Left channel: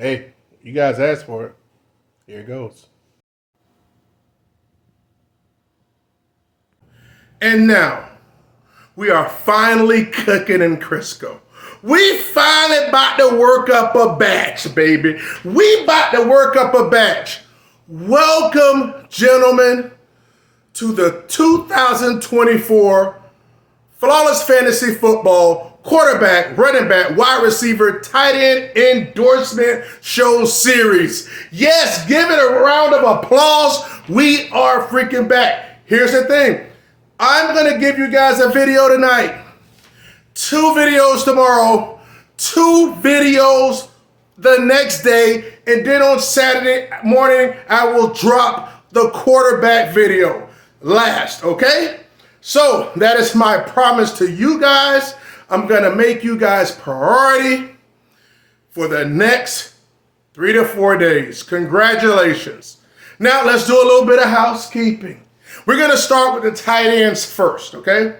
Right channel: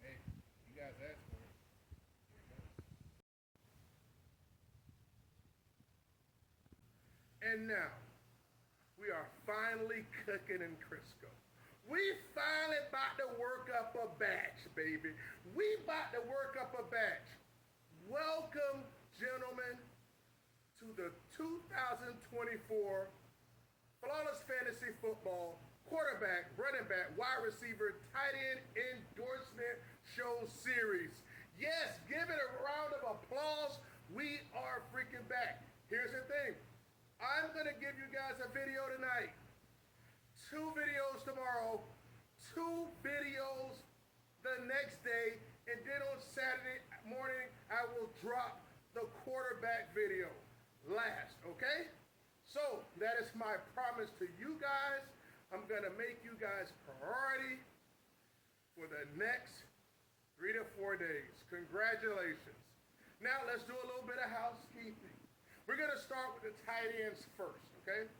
Hey, you guys asked for it. Here it goes. And now, we are finally cooking in Crisco. We finally about to work up a batch, baby. We about to work up a batch. Welcome, gentlemen, to the 2024 Flawless Fantasy Football quarterback, running back, wide receiver, tight end endorsement show series. Yes, give it a round of applause. We are freaking back. Here's the thing. I'm going to give you guys a video tonight, 2 videos tomorrow, 2 videos the next day, and then on Saturday morning, I will drop the quarterback video last, okay? So that is my promise to you guys. I'm going to make you guys priority for the next 3 to 4 days. Congratulations. Now let's do a little bit of housekeeping. We're going to start with the tight ends first, okay?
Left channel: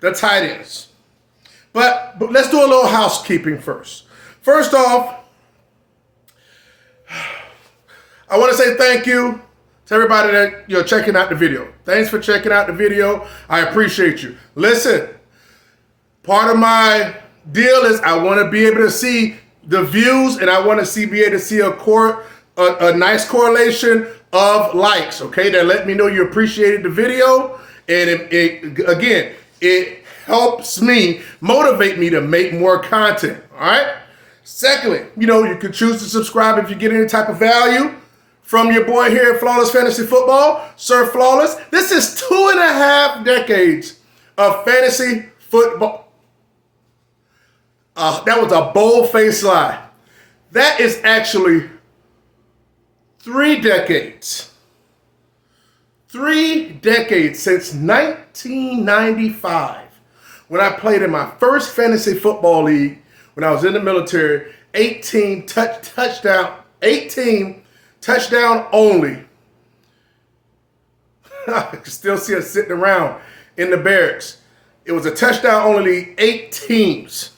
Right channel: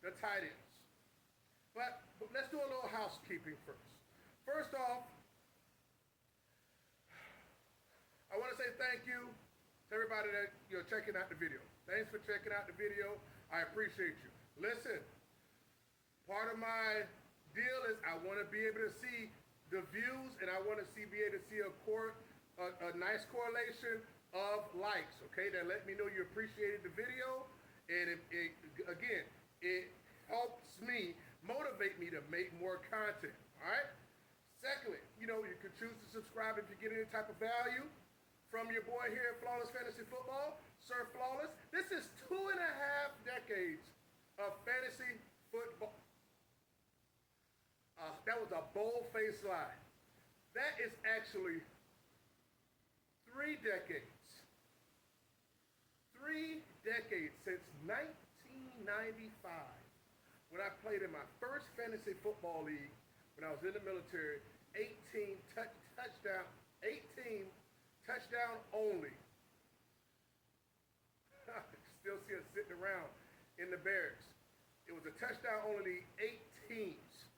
The tight ends. But let's do a little housekeeping first. First off, I want to say thank you to everybody that checking out the video. Thanks for checking out the video. I appreciate you. Listen, part of my deal is I want to be able to see the views, and I want to be able to see a nice correlation of likes, okay? That let me know you appreciated the video, and it helps me, motivate me to make more content, all right? Secondly, you can choose to subscribe if you get any type of value from your boy here at Flawless Fantasy Football, Sir Flawless. This is 2.5 decades of fantasy football. That was a bold-faced lie. That is actually 3 decades. 3 decades since 1995, when I played in my first fantasy football league when I was in the military. 18 touchdown only. I can still see us sitting around in the barracks. It was a touchdown only league, 8 teams.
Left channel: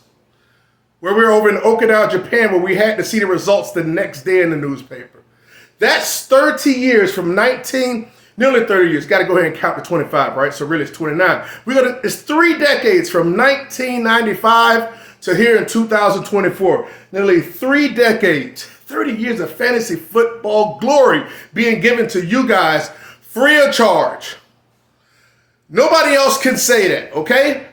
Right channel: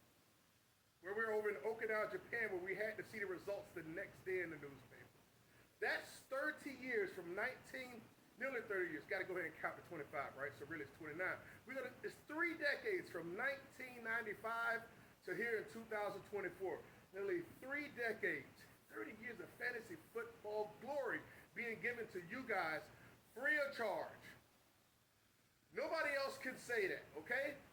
Where we were over in Okinawa, Japan, where we had to see the results the next day in the newspaper. That's 30 years from nearly 30 years. Got to go ahead and count to 25, right? So really it's 29. It's 3 decades from 1995 to here in 2024. Nearly 3 decades, 30 years of fantasy football glory being given to you guys free of charge. Nobody else can say that, okay?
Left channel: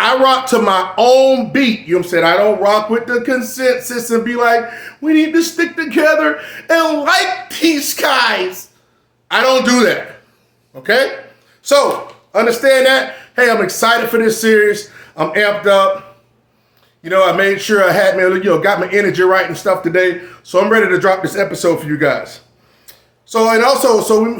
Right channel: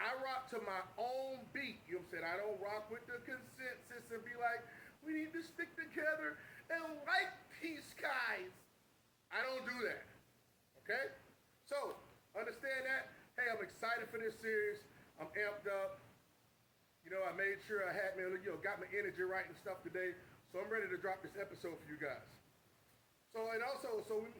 I rock to my own beat. You know what I'm saying? I don't rock with the consensus and be like, we need to stick together and like these guys. I don't do that, okay? So, understand that. Hey, I'm excited for this series. I'm amped up. I made sure I had got my energy right and stuff today. So I'm ready to drop this episode for you guys. So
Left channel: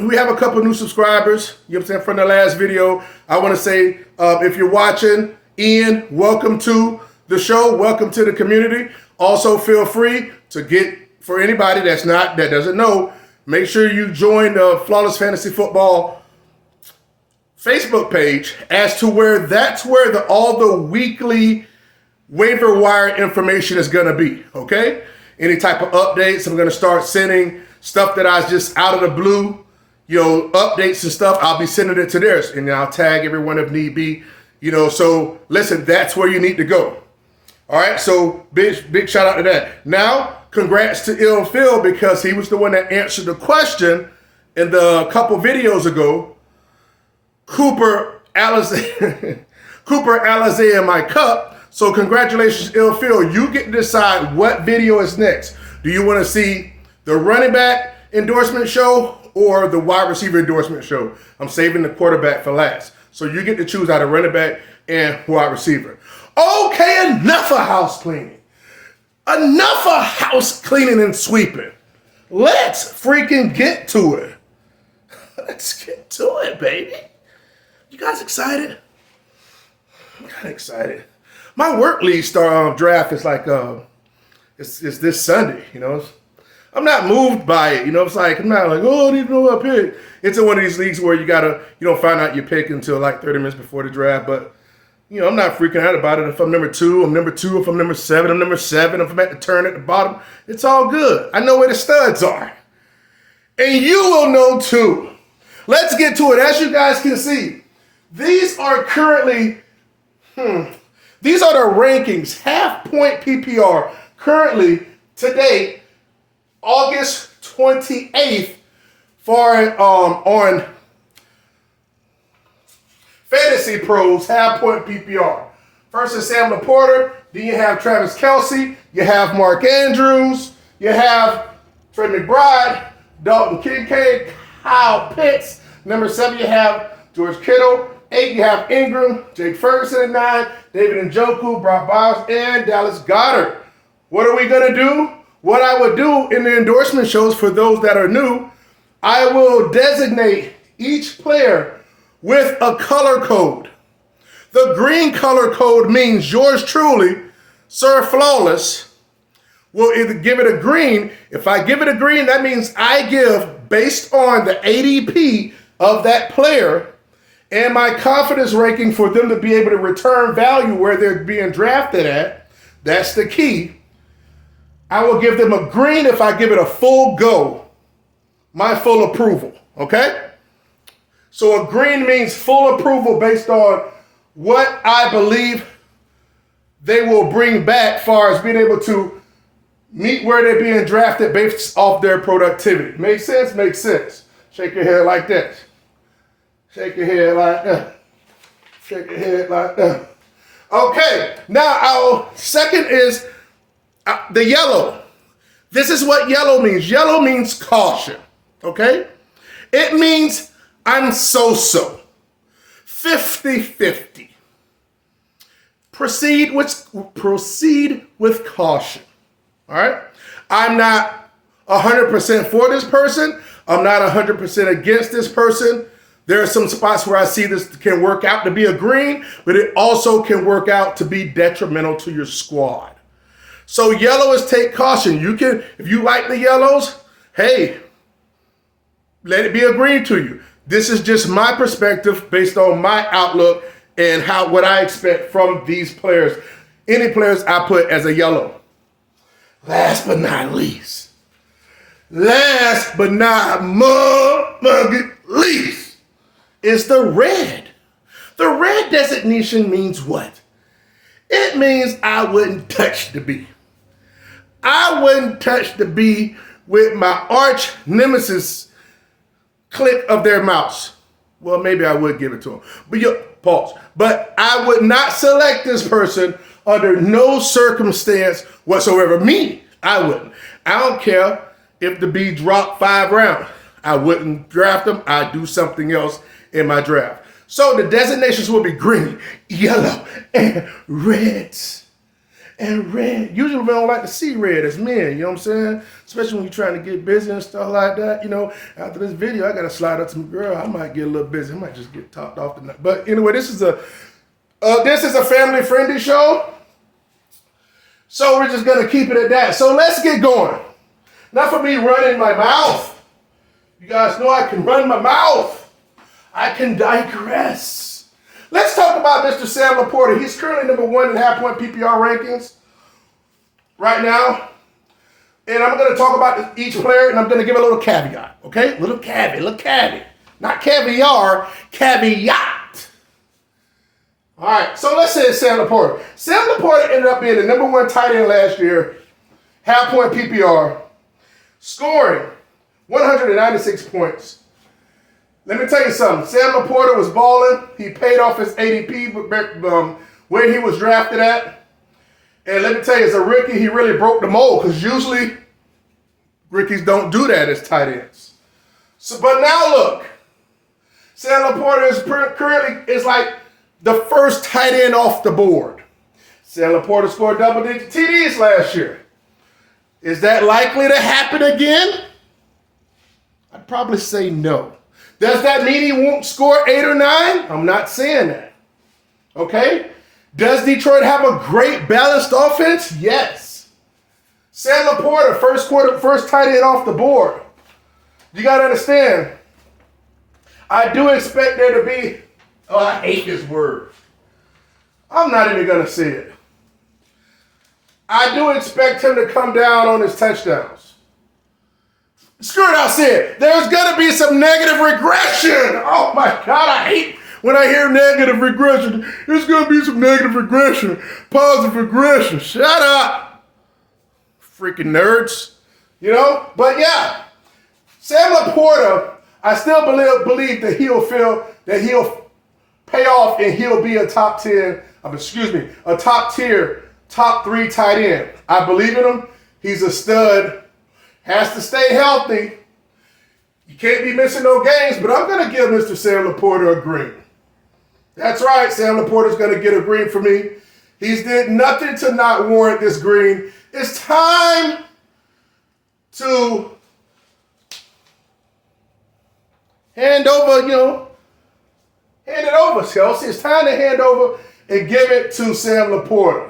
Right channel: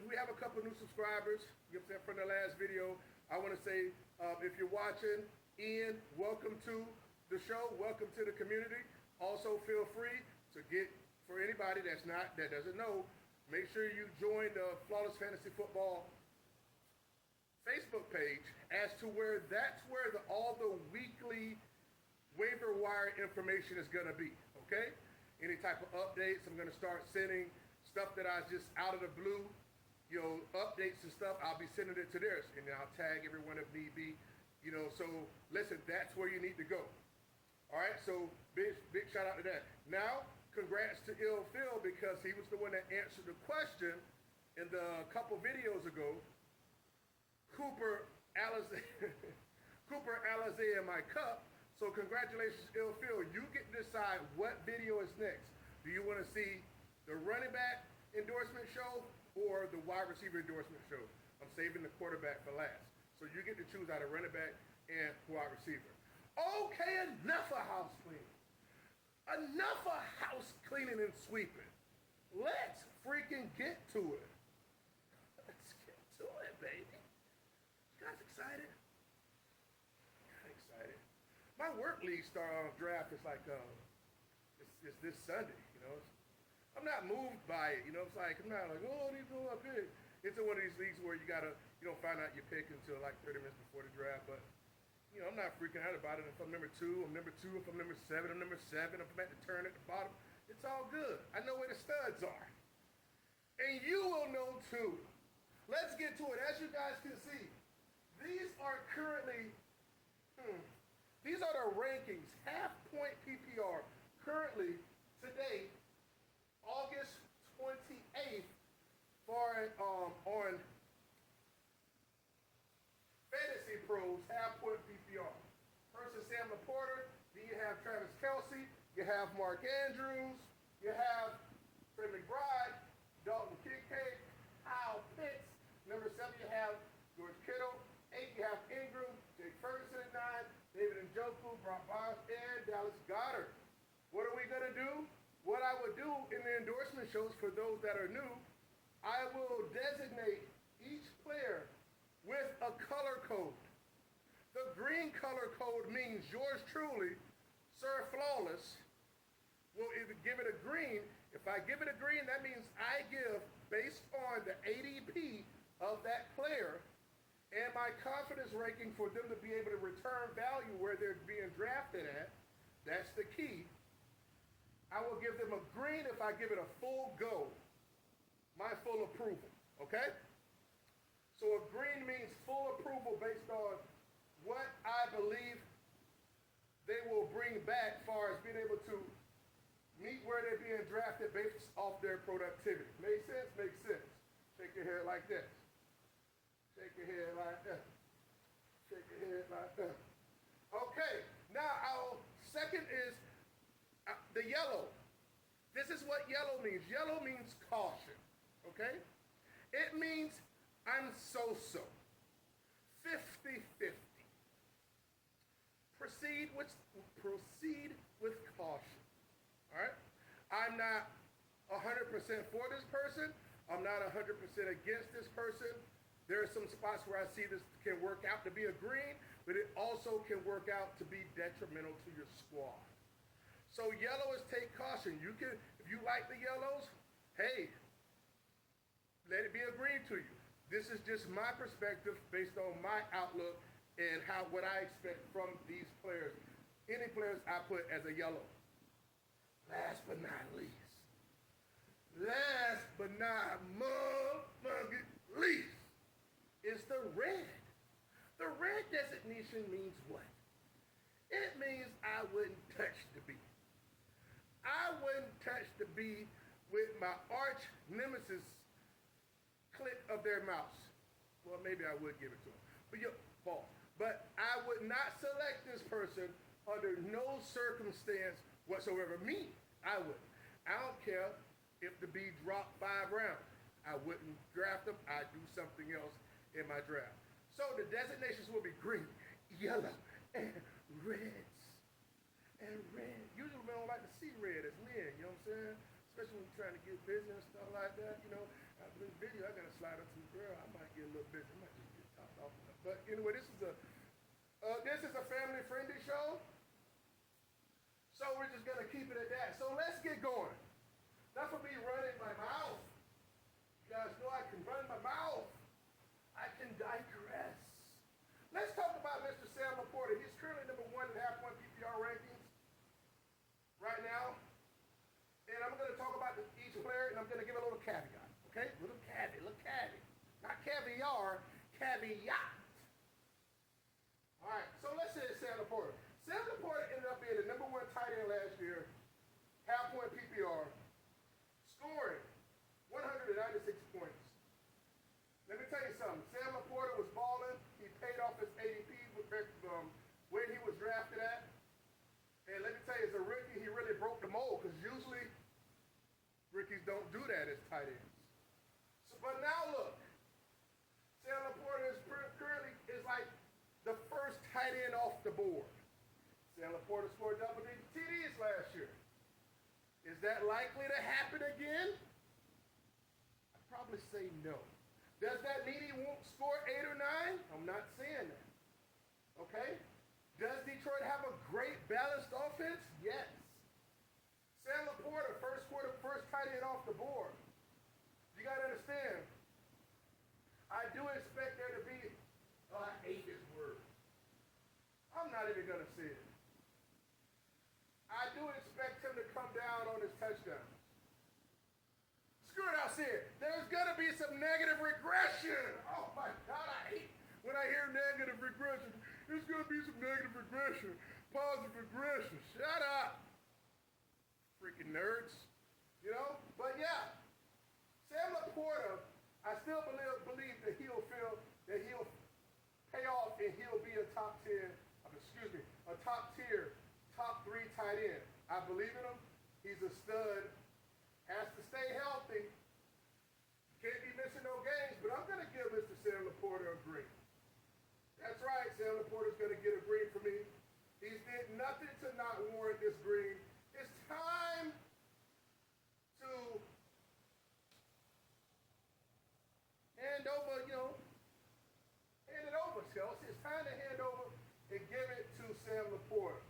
we have a couple new subscribers, you know what I'm saying, from the last video. I want to say, if you're watching, Ian, welcome to the show. Welcome to the community. Also, feel free to for anybody that doesn't know, make sure you join the Flawless Fantasy Football Facebook page, as to that's where all the weekly waiver wire information is going to be, okay? Any type of updates, I'm going to start sending stuff that I just out of the blue, updates and stuff. I'll be sending it to theirs, and I'll tag everyone if need be. So listen, that's where you need to go. All right, so big shout out to that. Now, congrats to Ill Phil, because he was the one that answered the question in the couple videos ago. Cooper Alizé in my cup. So congratulations, Ill Phil. You get to decide what video is next. Do you want to see the running back endorsement show or the wide receiver endorsement show? I'm saving the quarterback for last. So you get to choose out of running back and wide receiver. Okay, enough of house cleaning. Enough of house cleaning and sweeping. Let's freaking get to it. Let's get to it, baby. You guys excited? I'm kind of excited. My work league draft is like, it's this Sunday, I'm not moved by it, it's like, I'm not like, oh, I didn't know I picked. It's in one of these leagues where you don't find out your pick until like 30 minutes before the draft, but You know, I'm not freaking out about it. If I'm number 2, I'm number 2. If I'm number 7, I'm number 7. If I'm at the turn at the bottom, it's all good. I know where the studs are. And you will know too. Let's get to it. As you guys can see, these are currently, these are the rankings, half-point PPR, currently, to date, August 28th, on Fantasy Pros, half-point PPR. First is Sam Laporta, then you have Travis Kelce, you have Mark Andrews, you have Trey McBride, Dalton Kincaid, Kyle Pitts. Number 7, you have George Kittle. 8, you have Ingram, Jake Ferguson at 9, David Njoku, Brock Bowers, and Dallas Goedert. What are we going to do? What I would do in the endorsement shows for those that are new, I will designate each player with a color code. The green color code means yours truly, Sir Flawless, will either give it a green. If I give it a green, that means I give, based on the ADP of that player and my confidence ranking for them to be able to return value where they're being drafted at, that's the key. I will give them a green if I give it a full go, my full approval, okay? So a green means full approval based on what I believe they will bring back as far as being able to meet where they're being drafted based off their productivity. Make sense? Makes sense. Shake your head like this. Shake your head like that. Shake your head like that. Okay, now our second is the yellow. This is what yellow means. Yellow means caution, okay? It means I'm so-so, 50-50. Proceed with caution, all right? I'm not 100% for this person. I'm not 100% against this person. There are some spots where I see this can work out to be a green, but it also can work out to be detrimental to your squad. So yellow is take caution. You can, if you like the yellows, hey, let it be a green to you. This is just my perspective based on my outlook and what I expect from these players. Any players I put as a yellow. Last but not least, least, is the red. The red designation means what? It means I wouldn't touch the B. I wouldn't touch the B with my arch nemesis click of their mouse. Well, maybe I would give it to them. Pause. But I would not select this person under no circumstance whatsoever. Me, I wouldn't. I don't care if the B dropped 5 rounds. I wouldn't draft them. I'd do something else in my draft. So the designations will be green, yellow, and reds. And red. Usually we don't like to see red as men, you know what I'm saying? Especially when you're trying to get busy and stuff like that. You know, after this video, I got to slide up to my girl. I might get a little busy. I might just get topped off tonight. But anyway, this is a family-friendly show. So we're just going to keep it at that. So let's get going. Not for me running my mouth. You guys know I can run my mouth. I can digress. Let's talk about Mr. Sam Laporta. He's currently number 1 in half-point PPR rankings right now. And I'm going to talk about each player, and I'm going to give a little caveat, okay? Little caveat. Not caviar, caveat. All right, so let's say it's Sam Laporta. Sam Laporta ended up being the number 1 tight end last year, half-point PPR, scoring 196 points. Let me tell you something. Sam Laporta was balling. He paid off his ADP where he was drafted at. And let me tell you, as a rookie, he really broke the mold because usually rookies don't do that as tight ends. So, but now look, Sam Laporta is currently like the first tight end off the board. Sam Laporta scored double-digit TDs last year. Is that likely to happen again? I'd probably say no. Does that mean he won't score 8 or 9? I'm not saying that. Okay? Does Detroit have a great balanced offense? Yes. Sam Laporta, first tight end off the board. You got to understand, I do expect there to be, I hate this word. I'm not even going to say it. I do expect him to come down on his touchdowns. Screw it, I'll say it. There's going to be some negative regression. Oh my God, I hate when I hear negative regression. There's going to be some negative regression, positive regression. Shut up. Freaking nerds. You know? But yeah, Sam Laporta, I still believe that he'll pay off and he'll be a top tier, top 3 tight end. I believe in him. He's a stud. Has to stay healthy. You can't be missing no games, but I'm going to give Mr. Sam Laporta a green. That's right, Sam Laporta's going to get a green for me. He's did nothing to not warrant this green. It's time to hand it over, Chelsea. It's time to hand over and give it to Sam Laporta.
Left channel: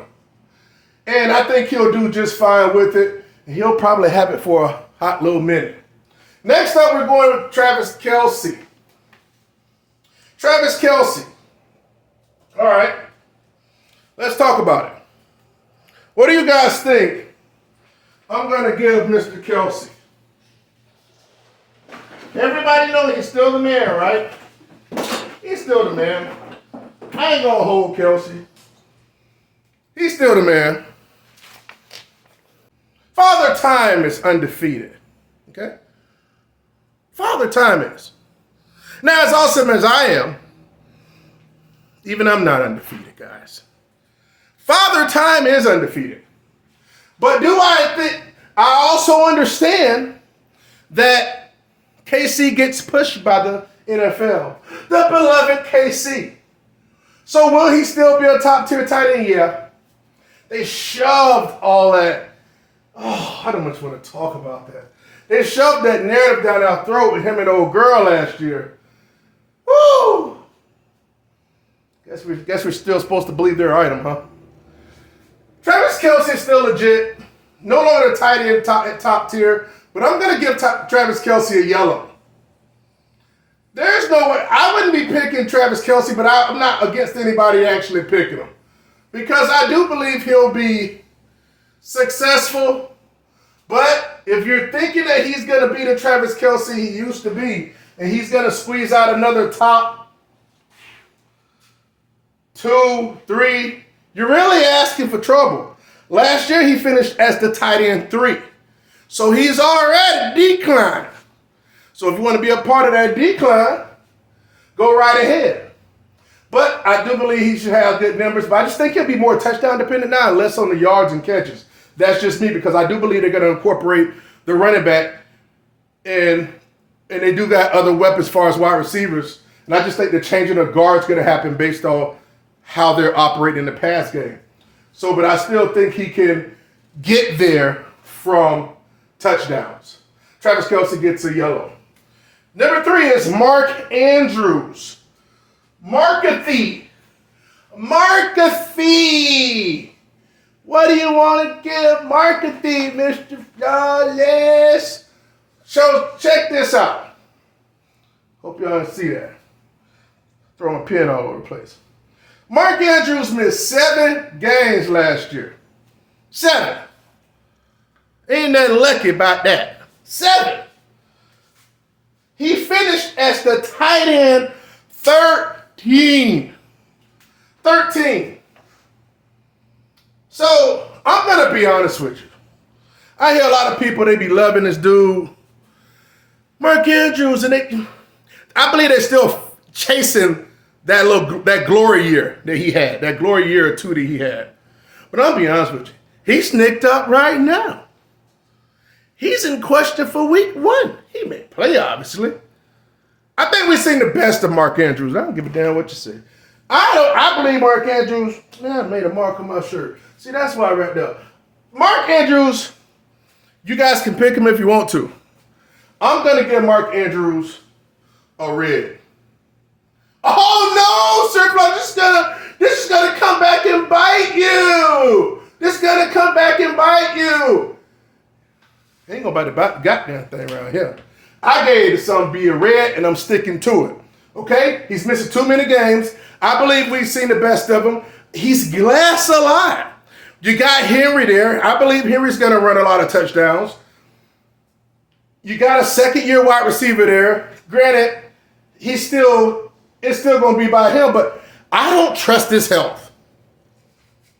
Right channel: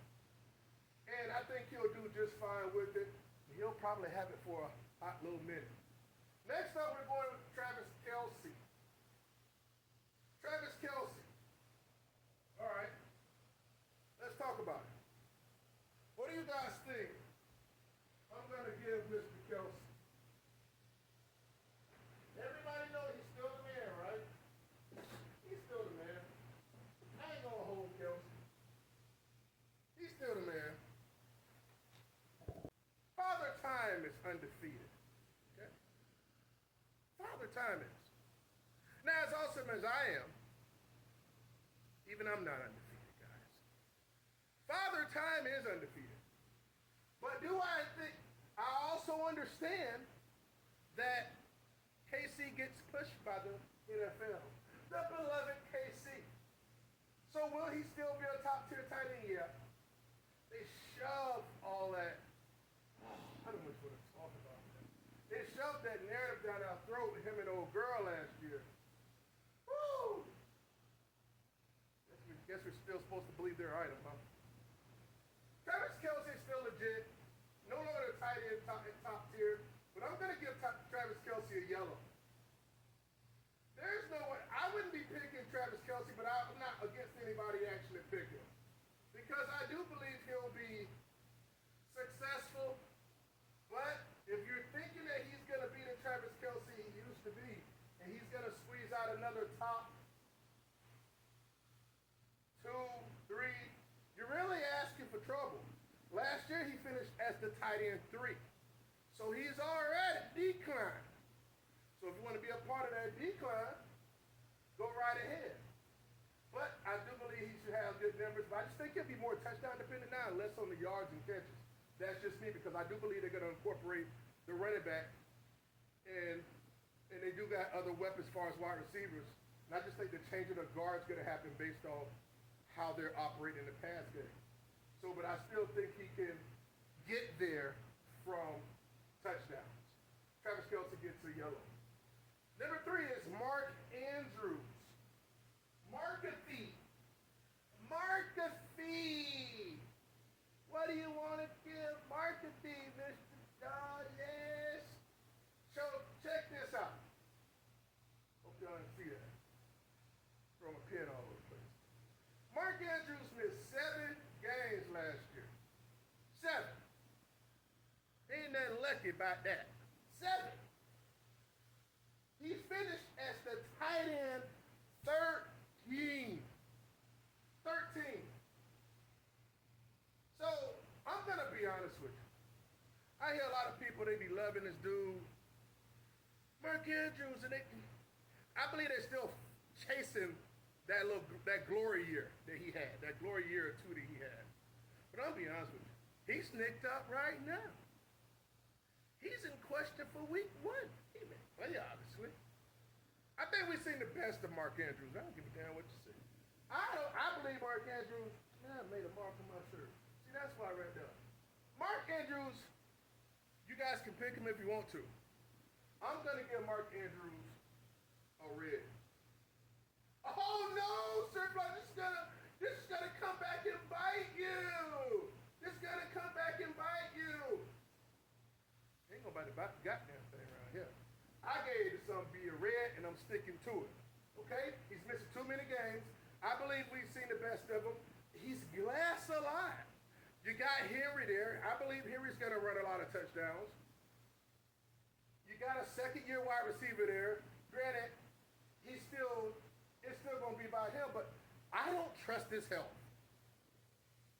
And I think he'll do just fine with it. And he'll probably have it for a hot little minute. Next up, we're going with Travis Kelce. Travis Kelce. All right. Let's talk about it. What do you guys think I'm going to give Mr. Kelce? Everybody knows he's still the man, right? He's still the man. I ain't going to hold Kelce. He's still the man. Father Time is undefeated. Okay? Father Time is. Now, as awesome as I am, even I'm not undefeated, guys. Father Time is undefeated. But I also understand that KC gets pushed by the NFL. The beloved KC. So will he still be a top tier tight end? Yeah. They shoved all that. Oh, I don't much want to talk about that. They shoved that narrative down our throat with him and old girl last year. Woo! Guess we're still supposed to believe their item, huh? Travis Kelce is still legit. No longer a tight end at top tier, but I'm going to give Travis Kelce a yellow. There's no way. I wouldn't be picking Travis Kelce, but I'm not against anybody actually picking him. Because I do believe he'll be successful. But if you're thinking that he's going to be the Travis Kelce he used to be, and he's going to squeeze out another top 2, 3, you're really asking for trouble. Last year, he finished as the tight end 3. So he's already declined. So if you want to be a part of that decline, go right ahead. But I do believe he should have good numbers, but I just think he'll be more touchdown dependent now, less on the yards and catches. That's just me, because I do believe they're going to incorporate the running back, and they do got other weapons as far as wide receivers. And I just think the changing of guards going to happen based on how they're operating in the pass game. So, but I still think he can get there from touchdowns. Travis Kelce gets a yellow. Number 3 is Mark Andrews. Markathy. What do you want to give Markathy, Mr. Flawless? So check this out. Hope y'all see that. Throwing a pin all over the place. Mark Andrews missed 7 games last year. 7. Ain't nothing lucky about that. 7. He finished as the tight end 13. So, I'm going to be honest with you. I hear a lot of people, they be loving this dude, Mark Andrews, and I believe they're still chasing that glory year that he had, that glory year or 2 that he had. But I'll be honest with you. He's nicked up right now. He's in question for week 1. He may play, obviously. I think we've seen the best of Mark Andrews. I don't give a damn what you say. I believe Mark Andrews, I made a mark on my shirt. See, that's why I wrapped up. Mark Andrews, you guys can pick him if you want to. I'm going to give Mark Andrews a red. Oh, no, Sir Flo, this is gonna come back and bite you. This is going to come back and bite you. Ain't nobody about the goddamn thing around here. I gave the son be a red, and I'm sticking to it. Okay? He's missing too many games. I believe we've seen the best of him. he's last a lot. You got Henry there. I believe Henry's going to run a lot of touchdowns. You got a second-year wide receiver there. Granted, it's still going to be by him, but I don't trust his health.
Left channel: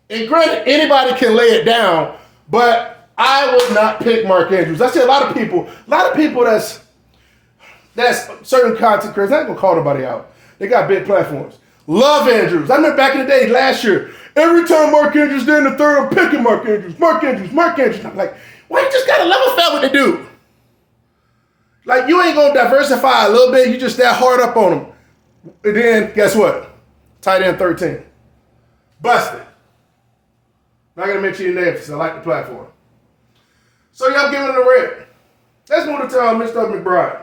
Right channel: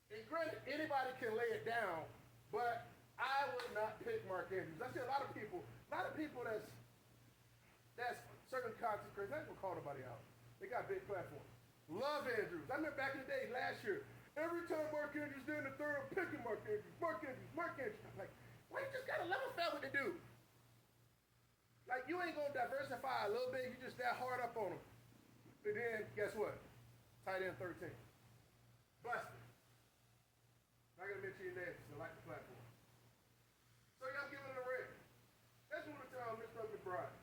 And granted, anybody can lay it down, but I would not pick Mark Andrews. I see a lot of people that's certain content creators, I ain't going to call nobody out. They got big platforms. Love Andrews. I remember back in the day, last year, every time Mark Andrews did in the third, I'm picking Mark Andrews. I'm like, why you just got to level fat with the dude? Like, you ain't going to diversify a little bit. You just that hard up on him. And then, guess what? Tight end 13. Busted. Not going to mention your name because I like the platform. So, y'all giving it a red. Let's move to Mr. McBride.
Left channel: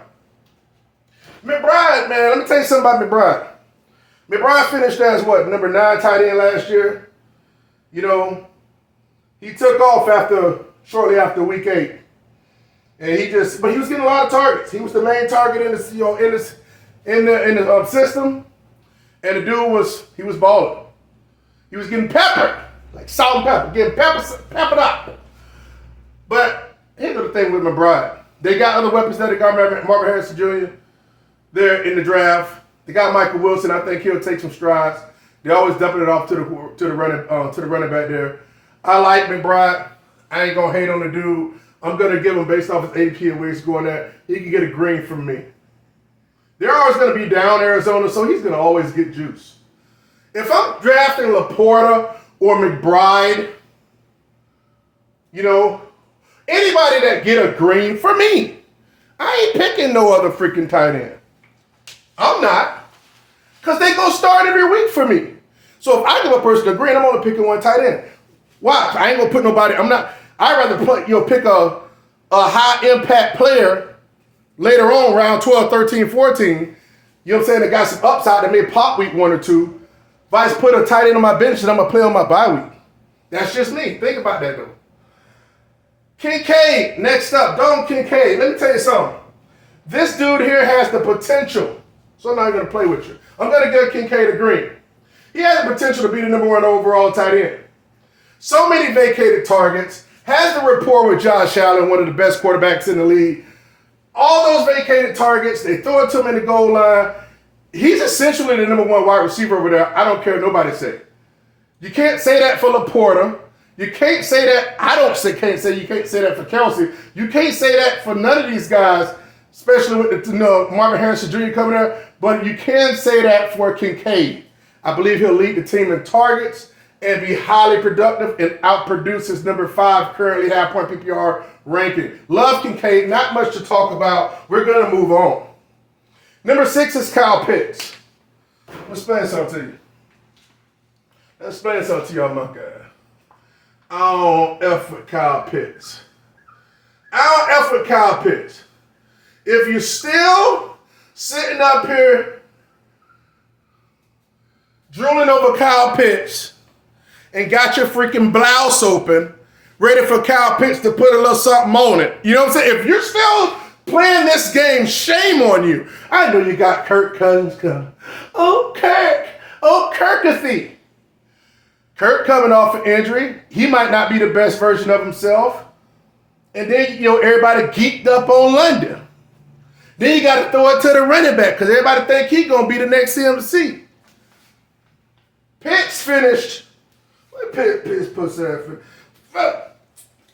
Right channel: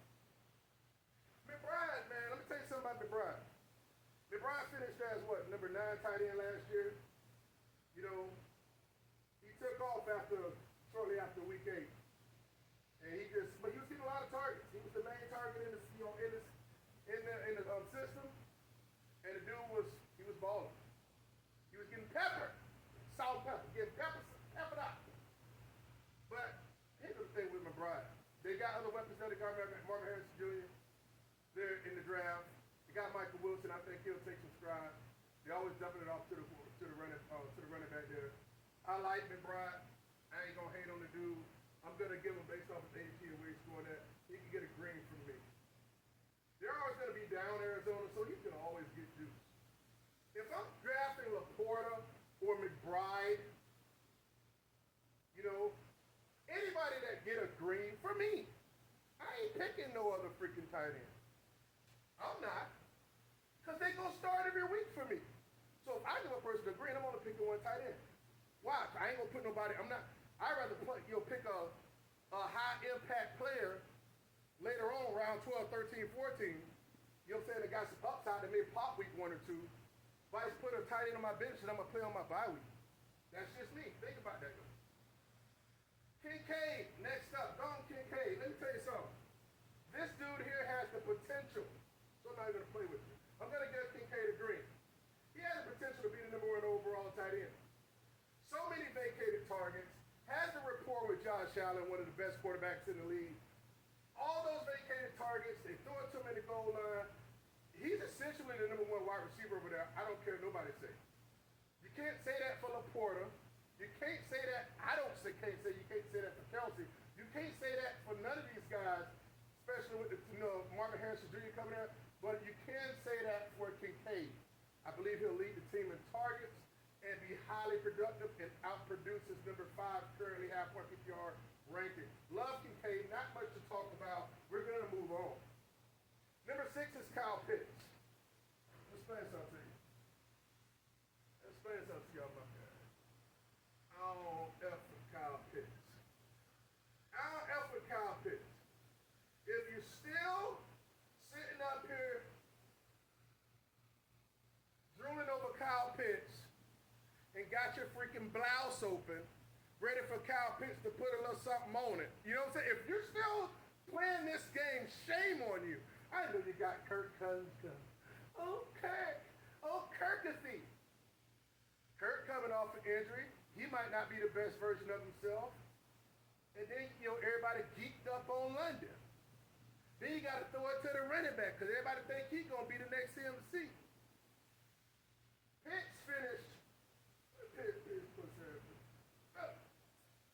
McBride, man, let me tell you something about McBride. McBride finished as what, number 9 tight end last year. You know, he took off shortly after week 8. And but he was getting a lot of targets. He was the main target in the system. And the dude was balling. He was getting peppered, like salt and pepper, getting peppered up. But here's the thing with McBride. They got other weapons there. They got Marvin Harrison Jr. there in the draft. They got Michael Wilson. I think he'll take some strides. They always dumping it off to the running back there. I like McBride. I ain't gonna hate on the dude. I'm gonna give him based off his AP and where he's going at. He can get a green from me. They're always gonna be down Arizona, so he's gonna always get juice. If I'm drafting Laporta or McBride, you know, anybody that get a green for me, I ain't picking no other freaking tight end. I'm not. Because they going to start every week for me. So if I give a person a green, I'm only picking one tight end. Watch, I ain't going to put nobody, I'd rather pick a high-impact player later on, round 12, 13, 14. You know what I'm saying? That got some upside that may pop week 1 or 2. If I just put a tight end on my bench, then I'm going to play on my bye week. That's just me. Think about that, though. Kincaid, next up. Dalton Kincaid. Let me tell you something. This dude here has the potential. So I'm not going to play with you. I'm going to give Kincaid a green. He has the potential to be the number 1 overall tight end. So many vacated targets. Has the rapport with Josh Allen, one of the best quarterbacks in the league. All those vacated targets, they throw it to him in the goal line. He's essentially the number 1 wide receiver over there. I don't care what nobody say. You can't say that for Laporta. You can't say that. You can't say that for Kelsey. You can't say that for none of these guys, especially with Marvin Harrison Jr. coming there. But you can say that for Kincaid. I believe he'll lead the team in targets and be highly productive and outproduce his number 5 currently half-point PPR ranking. Love Kincaid. Not much to talk about. We're going to move on. Number 6 is Kyle Pitts. Let me explain something to you. Let's explain something to y'all, my guy. I don't F with Kyle Pitts. If you're still sitting up here drooling over Kyle Pitts and got your freaking blouse open, ready for Kyle Pitts to put a little something on it. You know what I'm saying? If you're still playing this game, shame on you. I know you got Kirk Cousins coming. Oh, Kirkathy. Kirk coming off an injury. He might not be the best version of himself. And then, everybody geeked up on London. Then you got to throw it to the running back because everybody think he's going to be the next CMC. Pitts finished. What Pitts put that?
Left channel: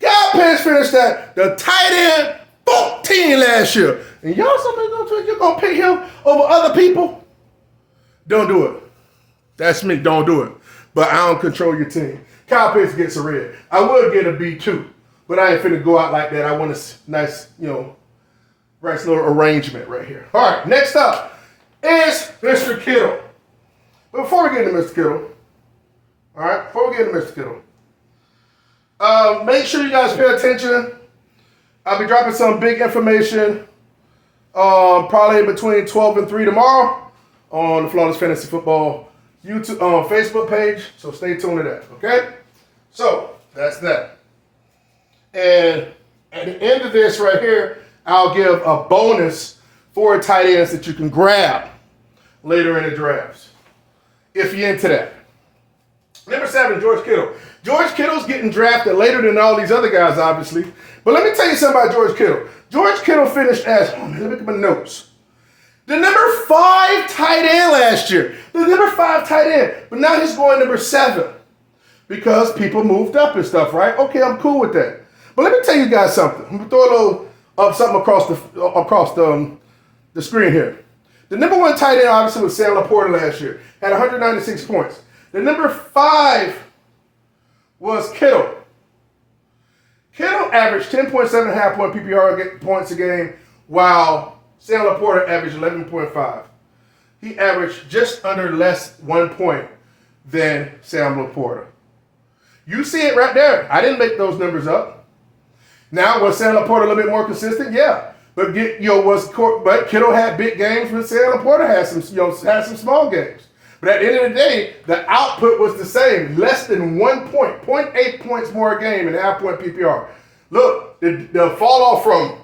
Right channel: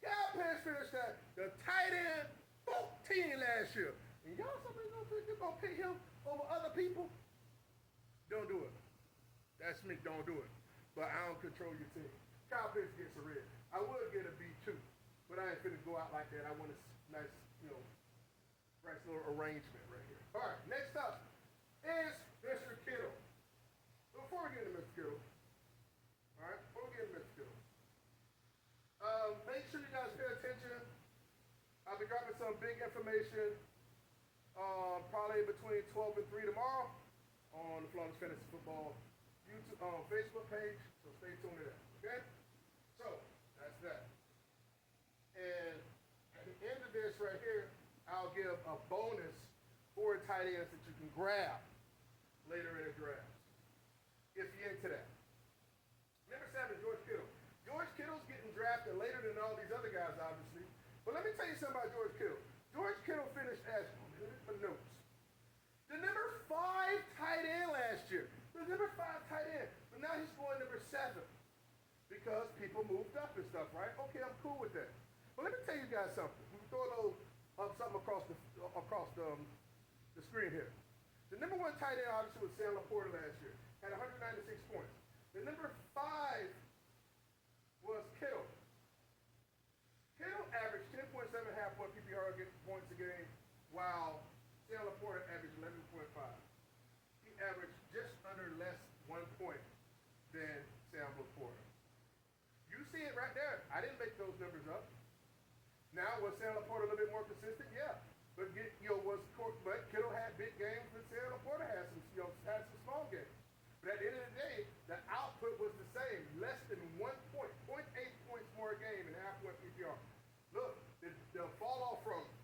Kyle Pitts finished that the tight end 14 last year. And y'all you're going to pick him over other people? Don't do it. That's me. Don't do it. But I don't control your team. Kyle Pitts gets a red. I would get a B2, but I ain't finna go out like that. I want a nice, nice little arrangement right here. All right, next up is Mr. Kittle. But before we get into Mr. Kittle, make sure you guys pay attention. I'll be dropping some big information probably between 12 and 3 tomorrow on the Flawless Fantasy Football YouTube, Facebook page, so stay tuned to that, okay? So, that's that. And at the end of this right here, I'll give a bonus for tight ends that you can grab later in the drafts, if you're into that. Number 7, George Kittle. George Kittle's getting drafted later than all these other guys, obviously. But let me tell you something about George Kittle. George Kittle finished as, let me look at my notes. The number 5 tight end last year. The number 5 tight end. But now he's going number 7. Because people moved up and stuff, right? Okay, I'm cool with that. But let me tell you guys something. I'm going to throw a little something across the screen here. The number 1 tight end obviously was Sam Laporta last year. Had 196 points. The number 5 was Kittle. Kittle averaged 10.7 half-point PPR points a game, while Sam Laporta averaged 11.5. He averaged just under less 1 point than Sam Laporta. You see it right there. I didn't make those numbers up. Now, was Sam Laporta a little bit more consistent? Yeah. But but Kittle had big games, but Sam Laporta had some small games. But at the end of the day, the output was the same, less than 1 point, 0.8 points more a game in half-point PPR. Look, the fall off from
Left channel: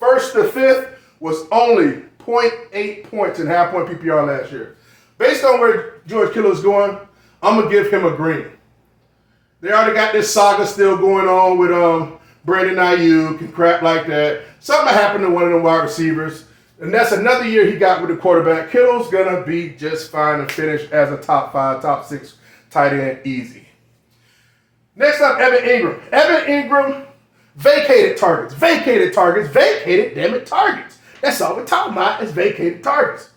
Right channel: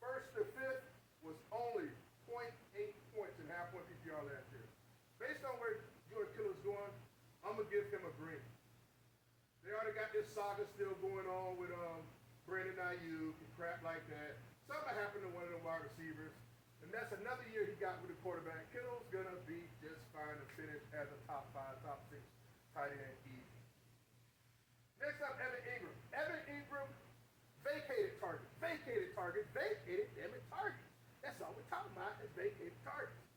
first to fifth was only 0.8 points in half-point PPR last year. Based on where George Kittle is going, I'm going to give him a green. They already got this saga still going on with Brandon Ayuk and crap like that. Something happened to one of the wide receivers. And that's another year he got with the quarterback. Kittle's going to be just fine and finish as a top 5, top 6 tight end easy. Next up, Evan Ingram. Evan Ingram vacated targets. Damn it, targets. That's all we're talking about is vacated targets.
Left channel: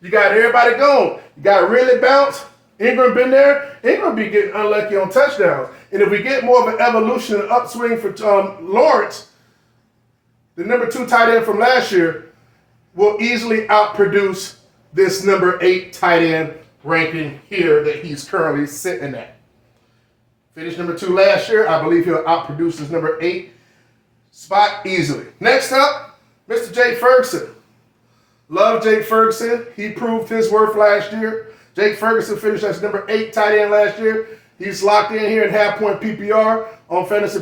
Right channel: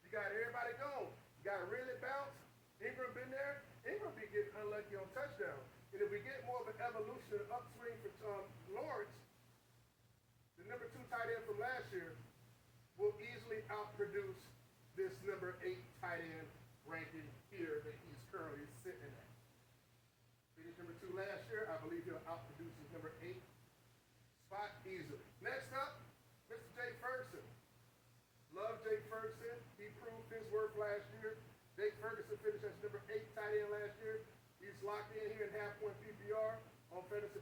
You got everybody going. You got to really bounce. Ingram been there. Ingram be getting unlucky on touchdowns. And if we get more of an evolution and upswing for Lawrence, the number 2 tight end from last year will easily outproduce this number 8 tight end ranking here that he's currently sitting at. Finished number 2 last year. I believe he'll outproduce his number 8 spot easily. Next up, Mr. Jake Ferguson. Love Jake Ferguson. He proved his worth last year. Jake Ferguson finished as number 8 tight end last year. He's locked in here in half-point PPR on Fantasy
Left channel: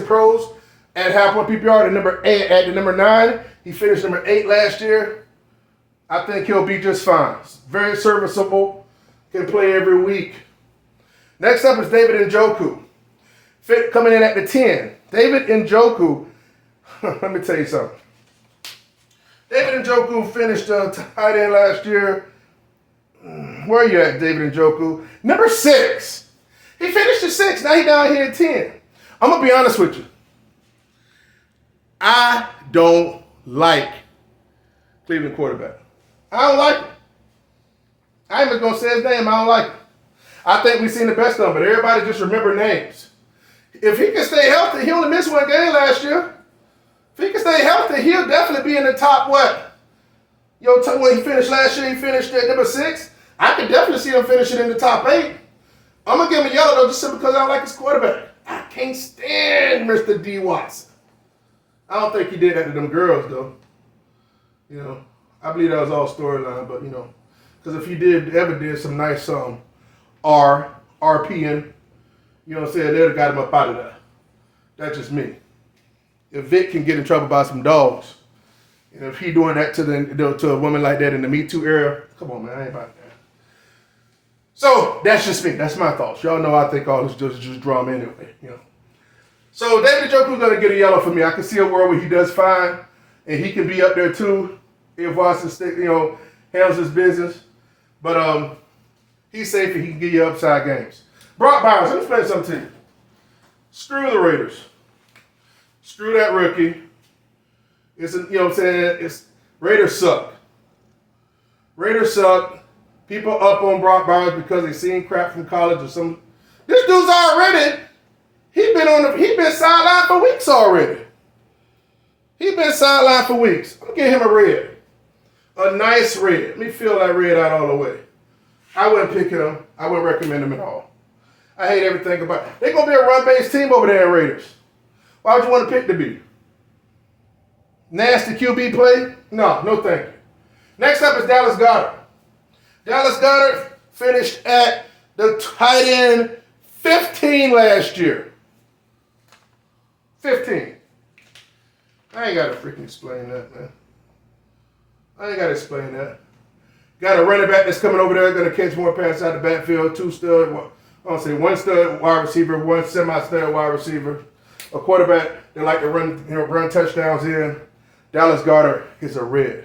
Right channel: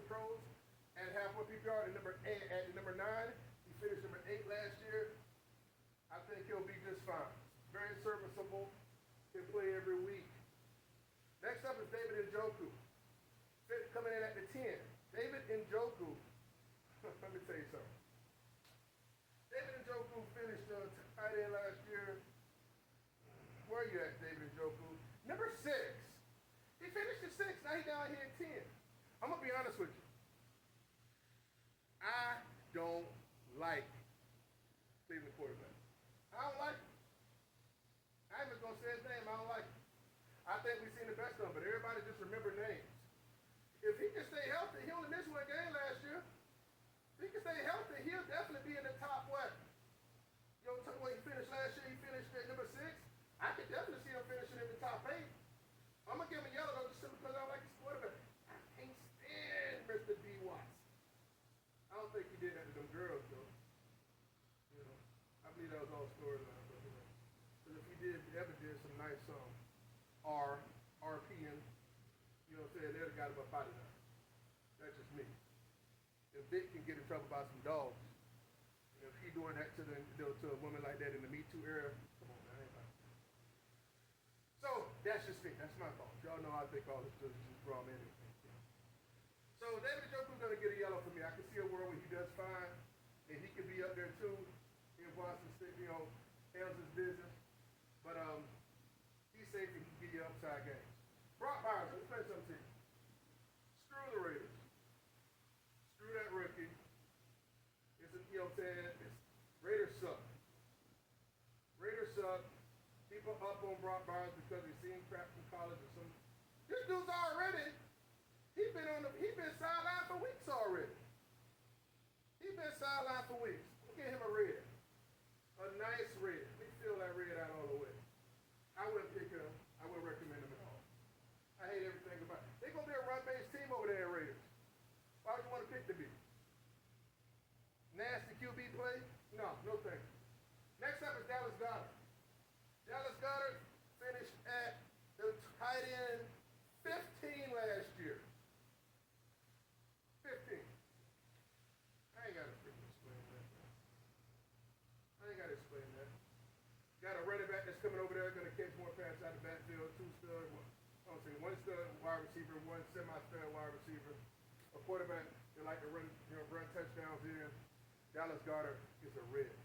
Pros at half-point PPR at the number 9. He finished number 8 last year. I think he'll be just fine. Very serviceable. Can play every week. Next up is David Njoku. Coming in at the 10. David Njoku. Let me tell you something. David Njoku finished tight end last year. Where are you at, David Njoku? Number 6. He finished at 6. Now he's down here at 10. I'm going to be honest with you. I don't like Cleveland quarterback. I don't like him. I ain't even going to say his name. I don't like him. I think we've seen the best of him, but everybody just remember names. If he can stay healthy, he only missed 1 game last year. If he can stay healthy, he'll definitely be in the top what? When he finished last year, he finished at number 6. I could definitely see him finishing in the top 8. I'm going to give him a yellow, though, just simply because I don't like his quarterback. I can't stand Mr. D. Watson. I don't think he did that to them girls, though. I believe that was all storyline, but, because if he ever did some nice RPing, they'd have got him up out of there. That's just me. If Vic can get in trouble by some dogs, and if he doing that to a woman like that in the Me Too era, come on, man, I ain't about that. So that's just me. That's my thoughts. Y'all know I think all this is just drama anyway. So David Njoku's gonna get a yellow for me. I can see a world where he does fine, and he can be up there too if Watson handles his business. But he's safe and he can give you upside games. Brock Bowers, let me explain something to you. Screw the Raiders. Screw that rookie. It's Raiders suck. Raiders suck. People up on Brock Bowers because they seen crap from college or some. This dude's already. He been sidelined for weeks already. I'm gonna give him a red. A nice red. Let me fill that red out all the way. I wouldn't pick him. I wouldn't recommend him at all. I hate everything about it. They're gonna be a run-based team over there in Raiders. Why would you want to pick the B? Nasty QB play? No thank you. Next up is Dallas Goedert. Dallas Goedert finished at the tight end 15 last year. 15. I ain't got to freaking explain that, man. I ain't got to explain that. Got a running back that's coming over there, going to catch more passes out of the backfield. 2 stud I don't say one stud wide receiver, one semi-stud wide receiver, a quarterback that like to run touchdowns in. Dallas Goedert is a red.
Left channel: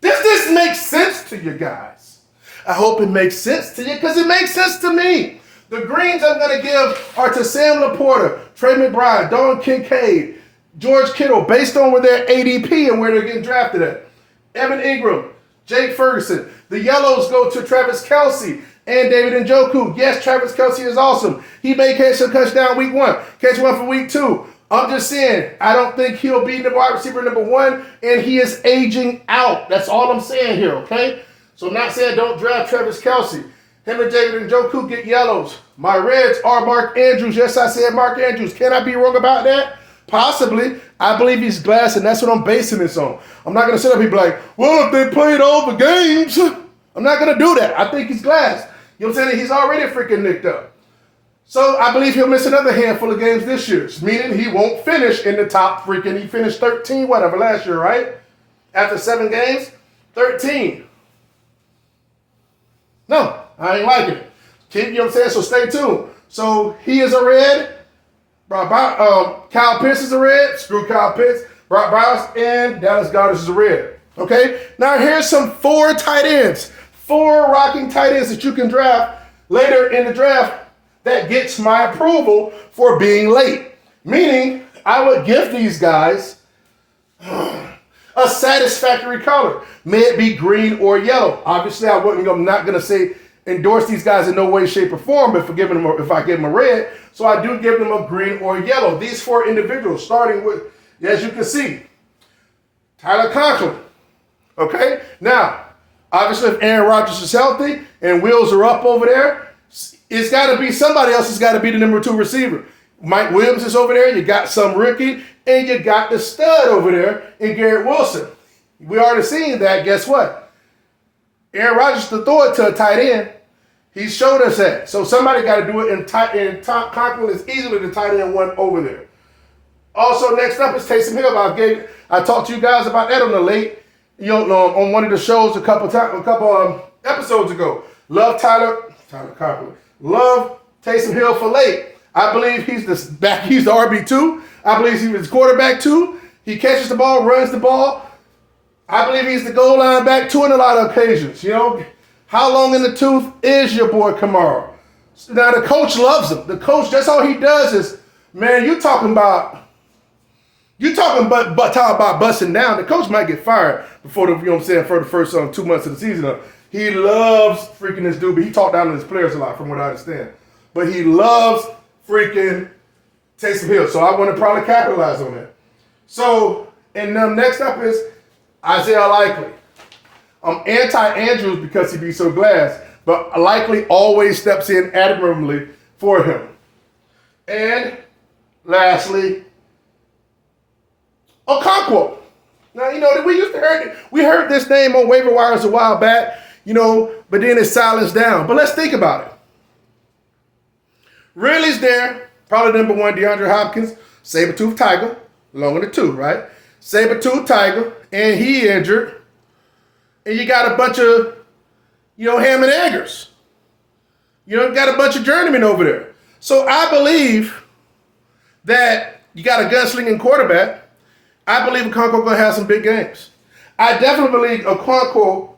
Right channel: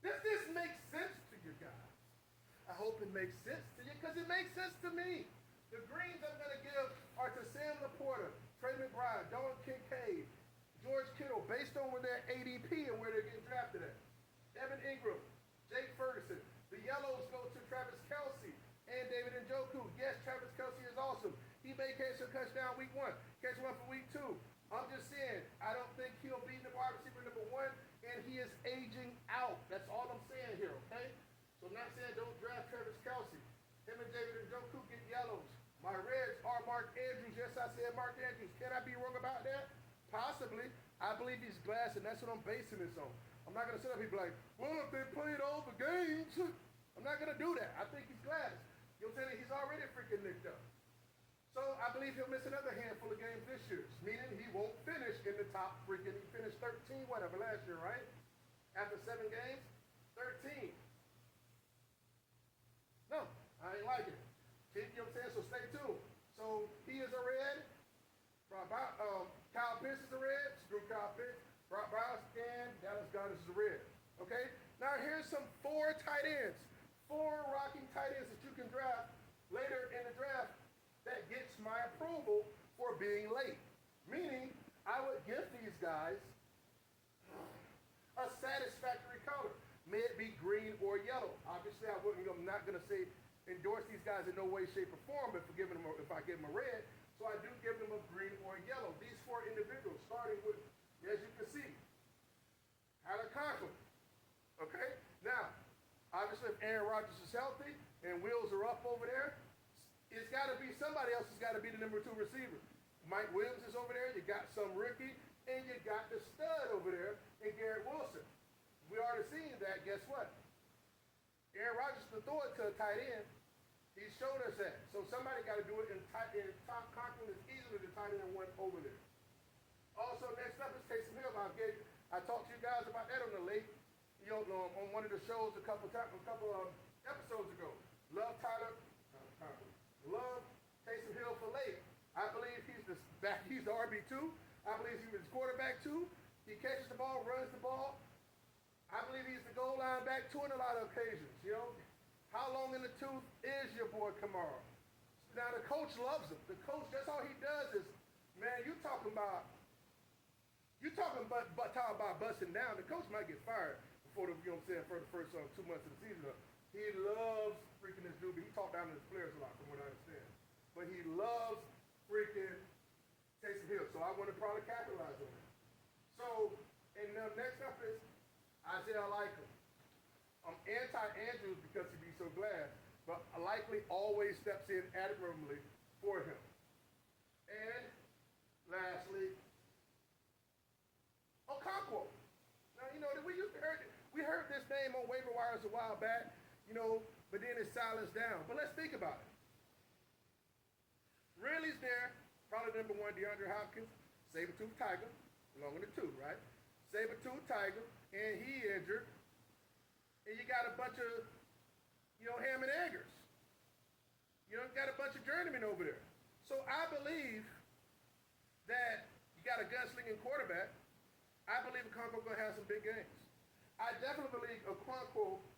Does this make sense to you guys? I hope it makes sense to you because it makes sense to me. The greens I'm going to give are to Sam Laporta, Trey McBride, Don Kincaid, George Kittle, based on where their ADP and where they're getting drafted at. Evan Ingram, Jake Ferguson. The yellows go to Travis Kelce and David Njoku. Yes, Travis Kelce is awesome. He may catch a touchdown week 1, catch one for week 2. I'm just saying, I don't think he'll be the wide receiver number 1, and he is aging out. That's all I'm saying here, okay? So I'm not saying don't draft Travis Kelce. Him and David Njoku get yellows. My reds are Mark Andrews. Yes, I said Mark Andrews. Can I be wrong about that? Possibly. I believe he's glass, and that's what I'm basing this on. I'm not going to sit up here and be like, well, if they played all the games. I'm not going to do that. I think he's glass. You know what I'm saying? He's already freaking nicked up. So I believe he'll miss another handful of games this year, meaning he won't finish in the top freaking. He finished 13, whatever, last year, right? After 7 games, 13. No, I ain't liking it. You know what I'm saying? So stay tuned. So he is a red. Kyle Pitts is a red. Screw Kyle Pitts. Brock Bowers and Dallas Goedert is a red. Okay? Now here's some 4 tight ends. 4 rocking tight ends that you can draft later in the draft that gets my approval for being late. Meaning, I would give these guys a satisfactory color. May it be green or yellow. Obviously, I'm not going to say endorse these guys in no way, shape, or form if I give them a red. So I do give them a green or yellow. These 4 individuals, starting with, as you can see, Tyler Conklin. Okay? Now, obviously, if Aaron Rodgers is healthy and wheels are up over there, it's got to be somebody else has got to be the number 2 receiver. Mike Williams is over there. You got some rookie, and you got the stud over there in Garrett Wilson. We already seen that. Guess what? Aaron Rodgers to throw it to a tight end. He showed us that. So somebody got to do it, and Conklin is easily the tight end 1 over there. Also, next up is Taysom Hill. I talked to you guys about that on the late, on one of the shows a couple episodes ago. Love Tyler Conklin. Love Taysom Hill for late. I believe he's the RB2. I believe he's the quarterback 2. He catches the ball, runs the ball. I believe he's the goal line back 2 in a lot of occasions. How long in the tooth is your boy Kamara? Now the coach loves him. The coach, that's all he does is, man, you talking about busting down. The coach might get fired before for the first 2 months of the season. He loves freaking this dude, but he talked down to his players a lot from what I understand. But he loves freaking Taysom Hill. So I want to probably capitalize on that. So, and next up is Isaiah Likely. I'm anti-Andrews because he be so glass, but Likely always steps in admirably for him. And lastly, Okonkwo. Now, we heard this name on waiver wires a while back, but then it's silenced down. But let's think about it. Ridley's there, probably number 1, DeAndre Hopkins, saber-toothed tiger, along with the 2, right? Saber-toothed tiger, and he injured. And you got a bunch of, ham and eggers. Got a bunch of journeymen over there. So I believe that you got a gunslinging quarterback. I believe Okonkwo going to have some big games. I definitely believe Okonkwo,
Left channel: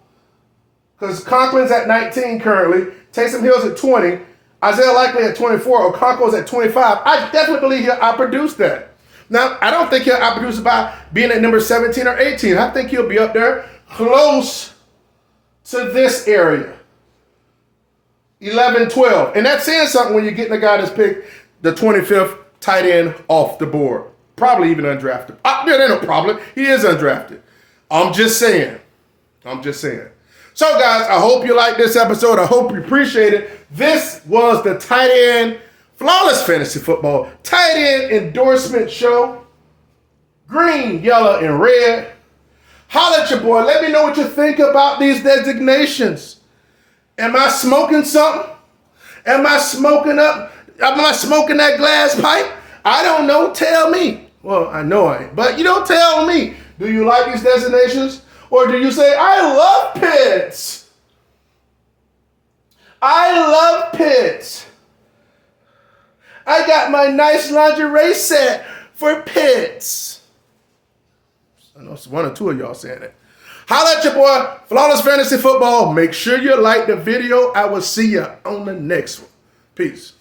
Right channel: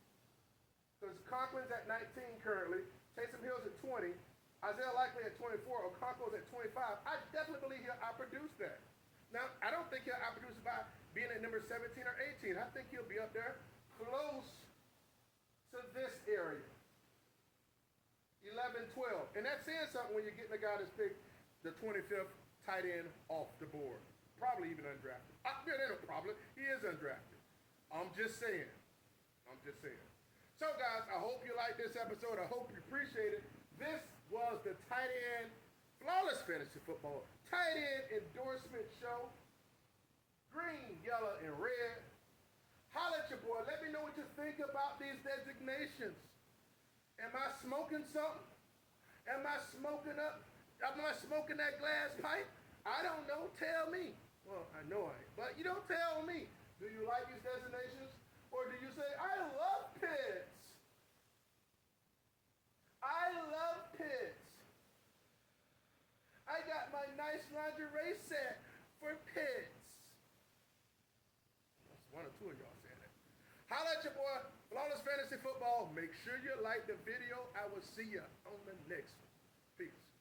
because Conklin's at 19 currently, Taysom Hill's at 20, Isaiah Likely at 24, Okonkwo's at 25. I definitely believe he'll outproduce that. Now, I don't think he'll outproduce by being at number 17 or 18. I think he'll be up there close to this area, 11, 12. And that's saying something when you're getting a guy that's picked the 25th tight end off the board. Probably even undrafted. There ain't no problem. He is undrafted. I'm just saying. So, guys, I hope you liked this episode. I hope you appreciate it. This was the Tight End Flawless Fantasy Football Tight End Endorsement Show. Green, yellow, and red. Holla at your boy. Let me know what you think about these designations. Am I smoking something? Am I smoking that glass pipe? I don't know. Tell me. Well, I know I ain't. But tell me. Do you like these designations? Or do you say, I love Pitts? I love Pitts. I got my nice lingerie set for Pitts. I know it's one or two of y'all saying it. Holla at your boy, Flawless Fantasy Football. Make sure you like the video. I will see you on the next one. Peace.